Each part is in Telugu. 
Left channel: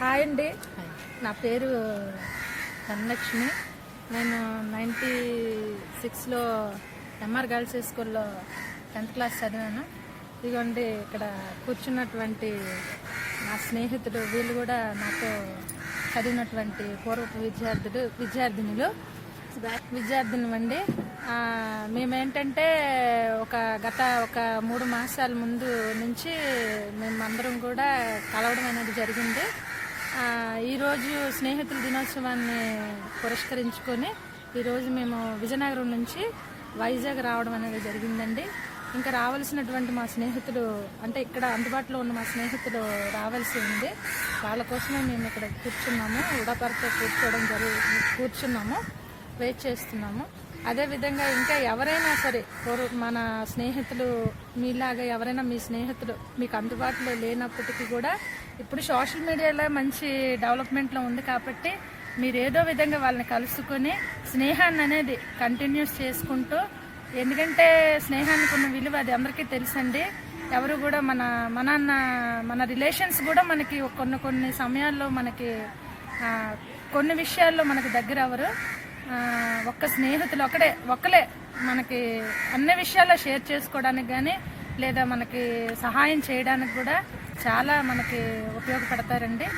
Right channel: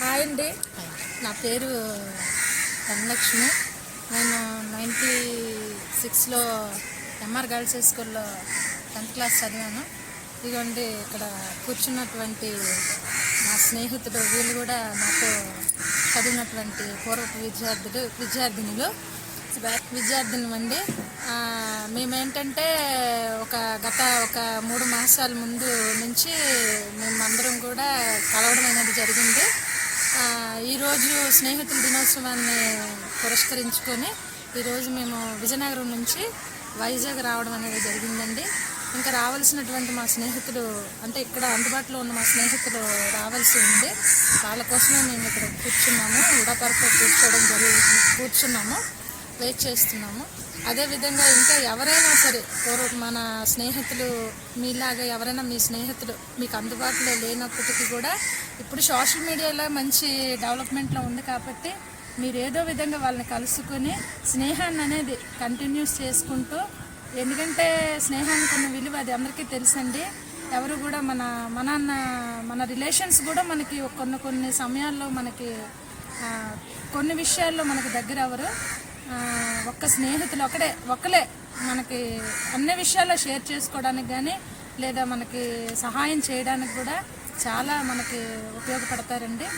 హాయ్ అండి. నా పేరు ధనలక్ష్మి. నేను నైంటీ సిక్స్లో ఎంఆర్ గర్ల్స్ హై స్కూల్లో టెన్త్ క్లాస్ చదివాను. ఇదిగోండి ఇక్కడ కూర్చున్నటువంటి నా స్నేహితుడు వీళ్ళు కూడా నాతో చదివినటువంటి పూర్వపు విద్యార్థులు విద్యార్థినులు. విద్యార్థిని అండి మేమేంటంటే ఒక గత ఒక మూడు మాసాల ముందు నుంచి మేమందరం కూడా కలవడం అనేది జరిగింది. ఈరోజు స్నేహితుల దినోత్సవాన్ని పురస్కరించుకొని ఈరోజు మేము విజయనగరం నుంచి వైజాగ్ రావడం అనేది జరిగిందండి. ఇంకా రావాల్సినటువంటి మా స్నేహితులు అంటే ఇక్కడ అందుబాటులో ఉన్న మా స్నేహితులు రావాల్సి ఉంది. వాళ్ళ కోసమే మేము ఇక్కడ కూర్చున్నాము. ఉడాపరతో కూర్చోవడం జరిగి కూర్చున్నాము. వెయిట్ చేస్తున్నాము. అదేవిధంగా ఇంకా ఎవరైనా సరే మన స్నేహితులు మీలాగా ఎవరైనా మీ స్నేహితులు మీకు అందుబాటులో లేనప్పటికీ కూడా ఇప్పుడు సోషల్ మీడియాలో మంచి డెవలప్మెంట్లో ఉంది కాబట్టి మీరు ఏదో విధంగా వాళ్ళని కలుసుకొని స్నేహాన్ని అనేది కంటిన్యూస్ చేసుకుంటూ ఎందుకంటే స్నేహానికి ఉన్న విలువ అది అందరికీ తెలుసండి. ఎవరు కూడా మన మన మన రిలేషన్స్ కూడా మనకి కొన్ని కొన్ని సమయాల్లో మనకి కొన్ని విషయాల్లో మనకి దగ్గర ఎవరు ఒక్క స్నేహితులు ఒకడే ఒకలే మనకి అన్ని విషయాల్లో షేర్ చేసుకోవడానికి కానీ లేదా మనకి సహాయం చేయడానికి కూడా చాలా మనకి ఉపయోగపడతారండి.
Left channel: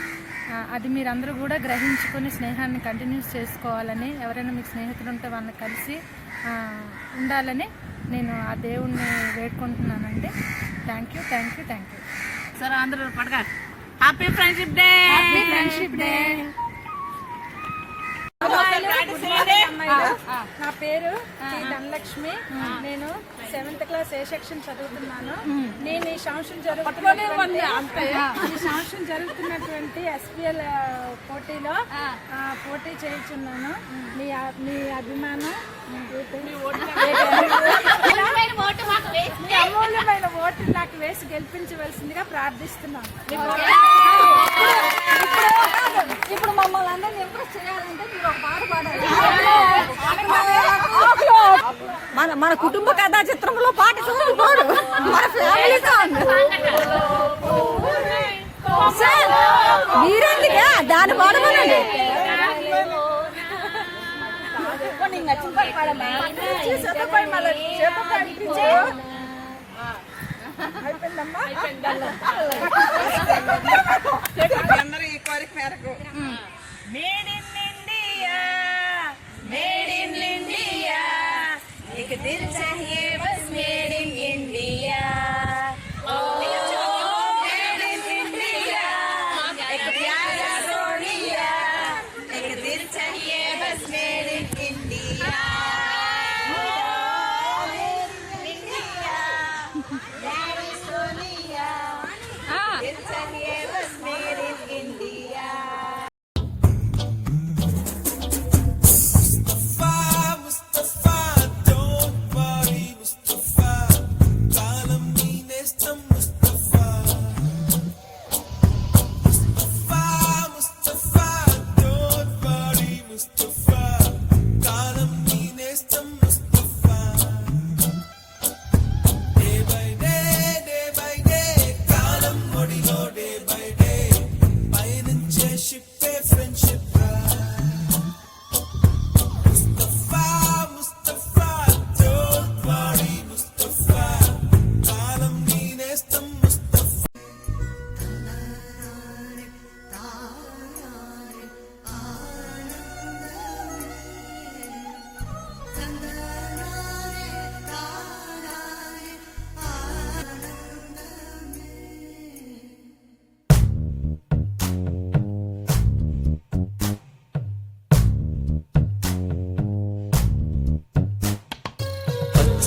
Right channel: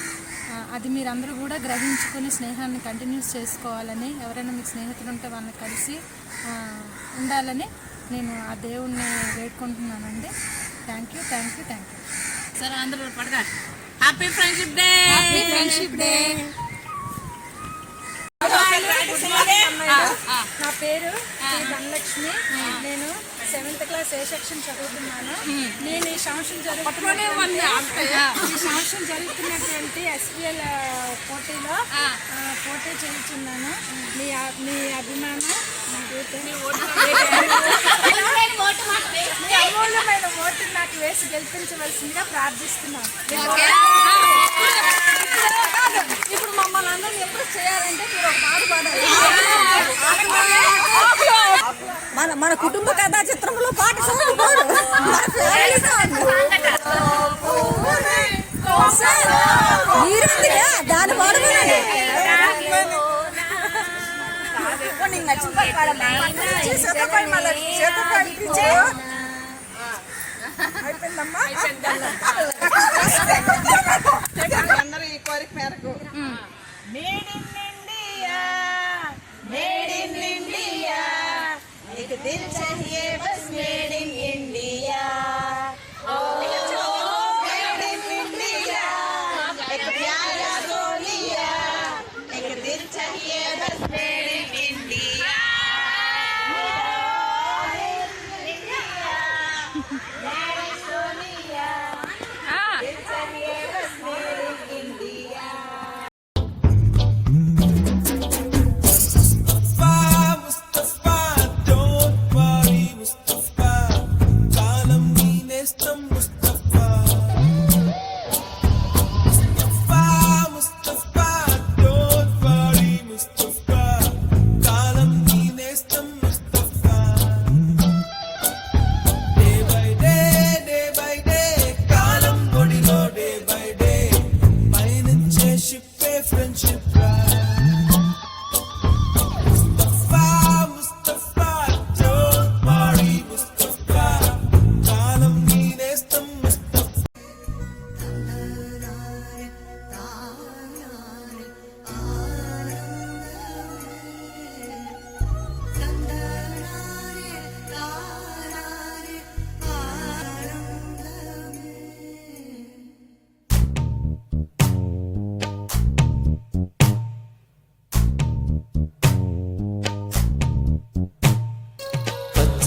అది మీరందరూ కూడా గ్రహించుకొని స్నేహాన్ని కంటిన్యూస్ చేసుకోవాలని ఎవరైనా మీకు స్నేహితులు ఉంటే వాళ్ళని కలిసి ఉండాలని నేను ఆ దేవుణ్ణి వేడుకుంటున్నానండి. Thank you thank you thank you సరే అందరూ పడగా happy friendship day happy friendship day నా పేరు శ్రీ ధనలక్ష్మి. నేను సెవెంత్ క్లాస్ ఏ సెక్షన్ చదువుతున్నాను. నేను ఈ సంవత్సరం జరుగుతున్నటువంటి ఈ సంవత్సరం జరుగుతున్నటువంటి ఎస్పీఎల్ పోటీలో పోటీ చేస్తున్నాను మీ మీ అభిమానం అమూల్యమైన ఓటు నాకు వేసి గెలిపించవలసిందిగా ప్రార్థిస్తున్నాను. ఇప్పుడు మమ్మల్ని అందరినీ చేయాలంటే మీరు ఒక పాట పాడాలి. మన మన కుటుంబ కథా చిత్రంలో పాట చూడు పోడు. మన ఫ్యామిలీ సాంగ్ మీరెందుకే? దాని పాడమనండి. నీకు నచ్చిన పాట పాడమ్మా. మళ్ళీ. అయిపోయిందమ్మా అందరూ ఈ కోరిక మేరకు made in India made in India एक दिल चाहिए बस मेड दिल